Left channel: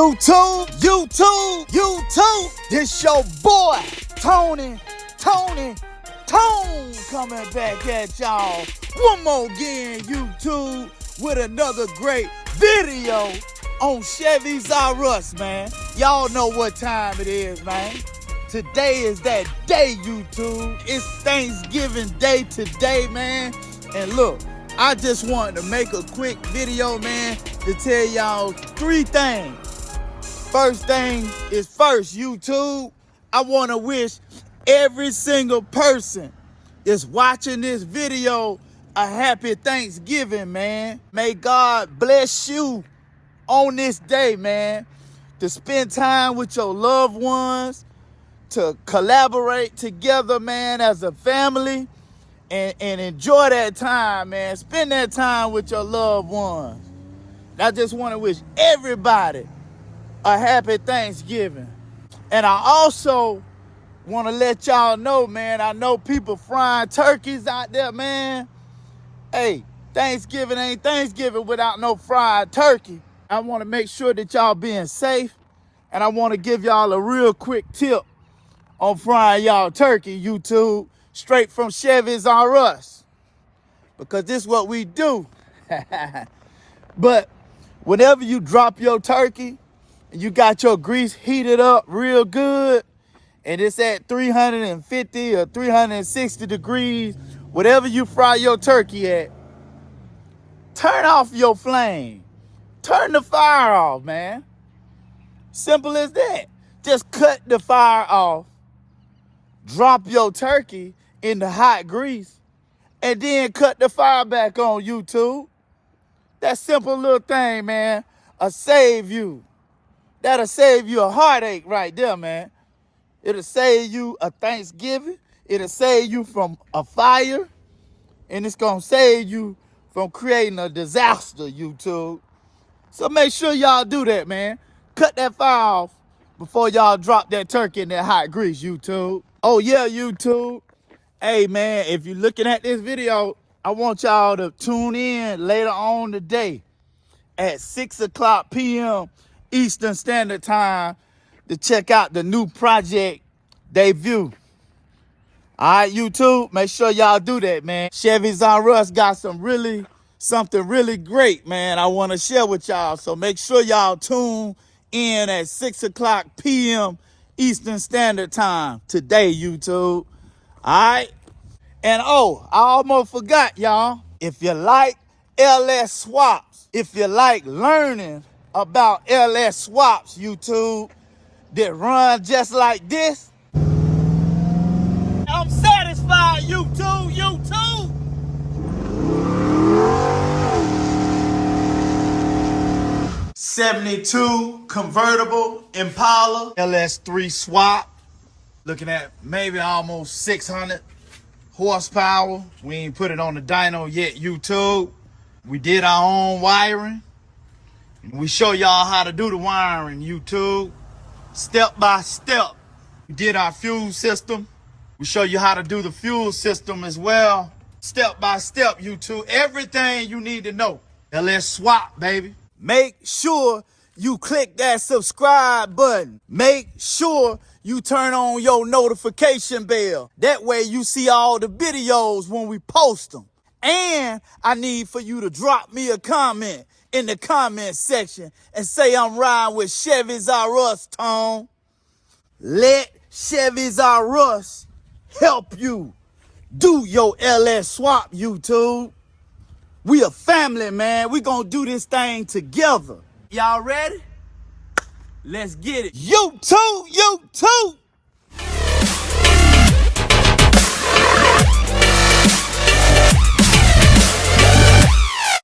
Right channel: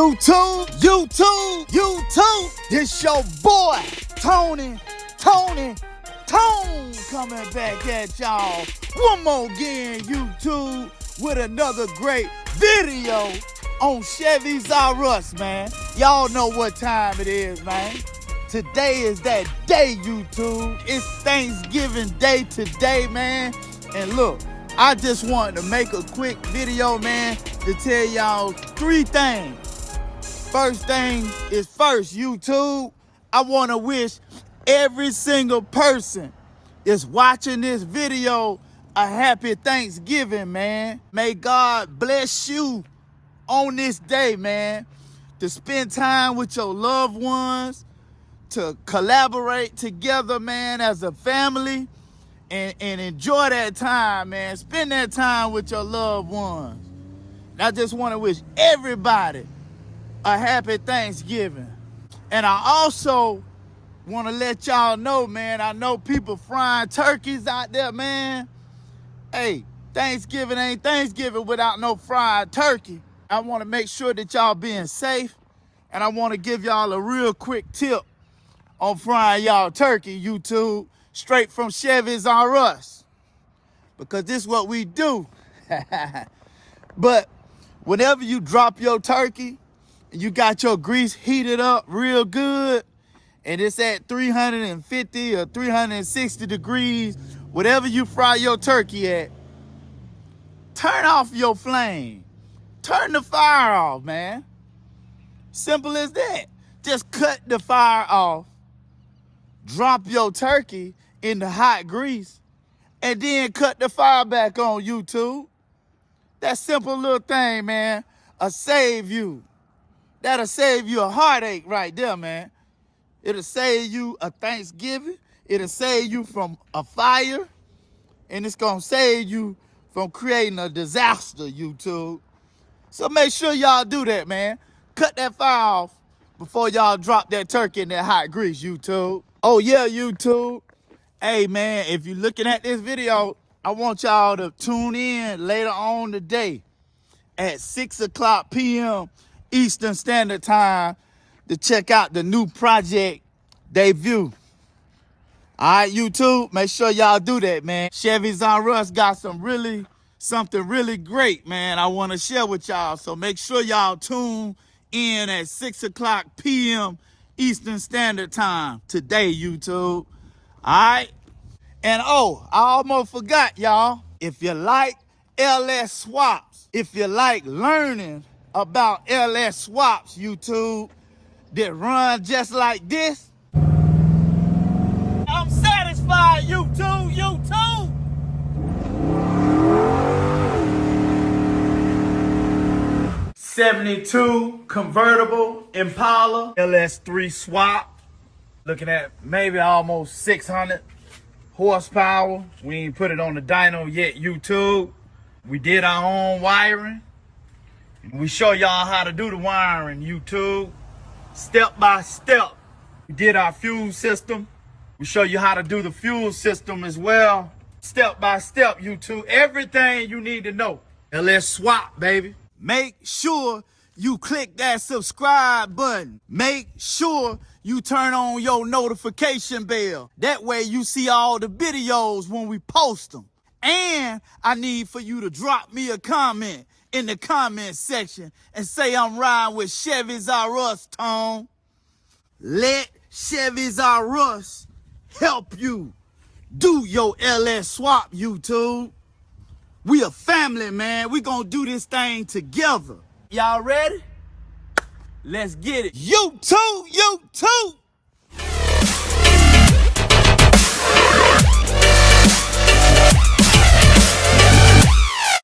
YouTube. This your boy, Tone, coming back at y'all one more again, YouTube, with another great video on Chevys R Us, man. Y'all know what time it is, man. Today is that day, YouTube. It's Thanksgiving Day today, man. And look, I just wanted to make a quick video, man, to tell y'all three things. First thing is first, YouTube. I want to wish every single person that's watching this video a happy Thanksgiving, man. May God bless you on this day, man, to spend time with your loved ones, to collaborate together, man, as a family, and enjoy that time, man. Spend that time with your loved ones. And I just want to wish everybody a happy Thanksgiving. And I also want to let y'all know, man, I know people frying turkeys out there, man. Hey, Thanksgiving ain't Thanksgiving without no fried turkey. I want to make sure that y'all being safe, and I want to give y'all a real quick tip on frying y'all turkey, YouTube, straight from Chevys R Us, because this is what we do. But whenever you drop your turkey, and you got your grease heated up real good, and it's at 350 or 360 degrees, whatever you fry your turkey at, turn off your flame. Turn the fire off, man. Simple as that. Just cut the fire off, drop your turkey in the hot grease, and then cut the fire back on, YouTube. That simple little thing, man, will save you. That'll save you a heartache right there, man. It'll save you a Thanksgiving. It'll save you from a fire. And it's going to save you from creating a disaster, YouTube. So make sure y'all do that, man. Cut that fire off before y'all drop that turkey in that hot grease, YouTube. Oh, yeah, YouTube. Hey, man, if you're looking at this video, I want y'all to tune in later on today at 6 o'clock p.m. Eastern Standard Time to check out the new project debut. All right, YouTube, make sure y'all do that, man. Chevys R Us got something really great, man, I want to share with y'all. So make sure y'all tune in at 6 o'clock p.m. Eastern Standard Time today, YouTube. All right? And oh, I almost forgot, y'all. If you like LS swaps, if you like learning about LS swaps, YouTube, that run just like this, I'm satisfied, YouTube. 72 convertible Impala LS3 swap, looking at maybe almost 600 horsepower. We ain't put it on the dyno yet, YouTube. We did our own wiring, and we show y'all how to do the wiring, YouTube, step by step. We did our fuel system. We show you how to do the fuel system as well, step by step, YouTube. Everything you need to know. Now let's swap, baby. Make sure you click that subscribe button. Make sure you turn on your notification bell. That way you see all the videos when we post them. And I need for you to drop me a comment in the comment section and say I'm riding with Chevys R Us, Tone. Let Chevys R Us help you do your LS swap, YouTube. We a family, man. We gonna do this thing together. Y'all ready? Let's get it. YouTube.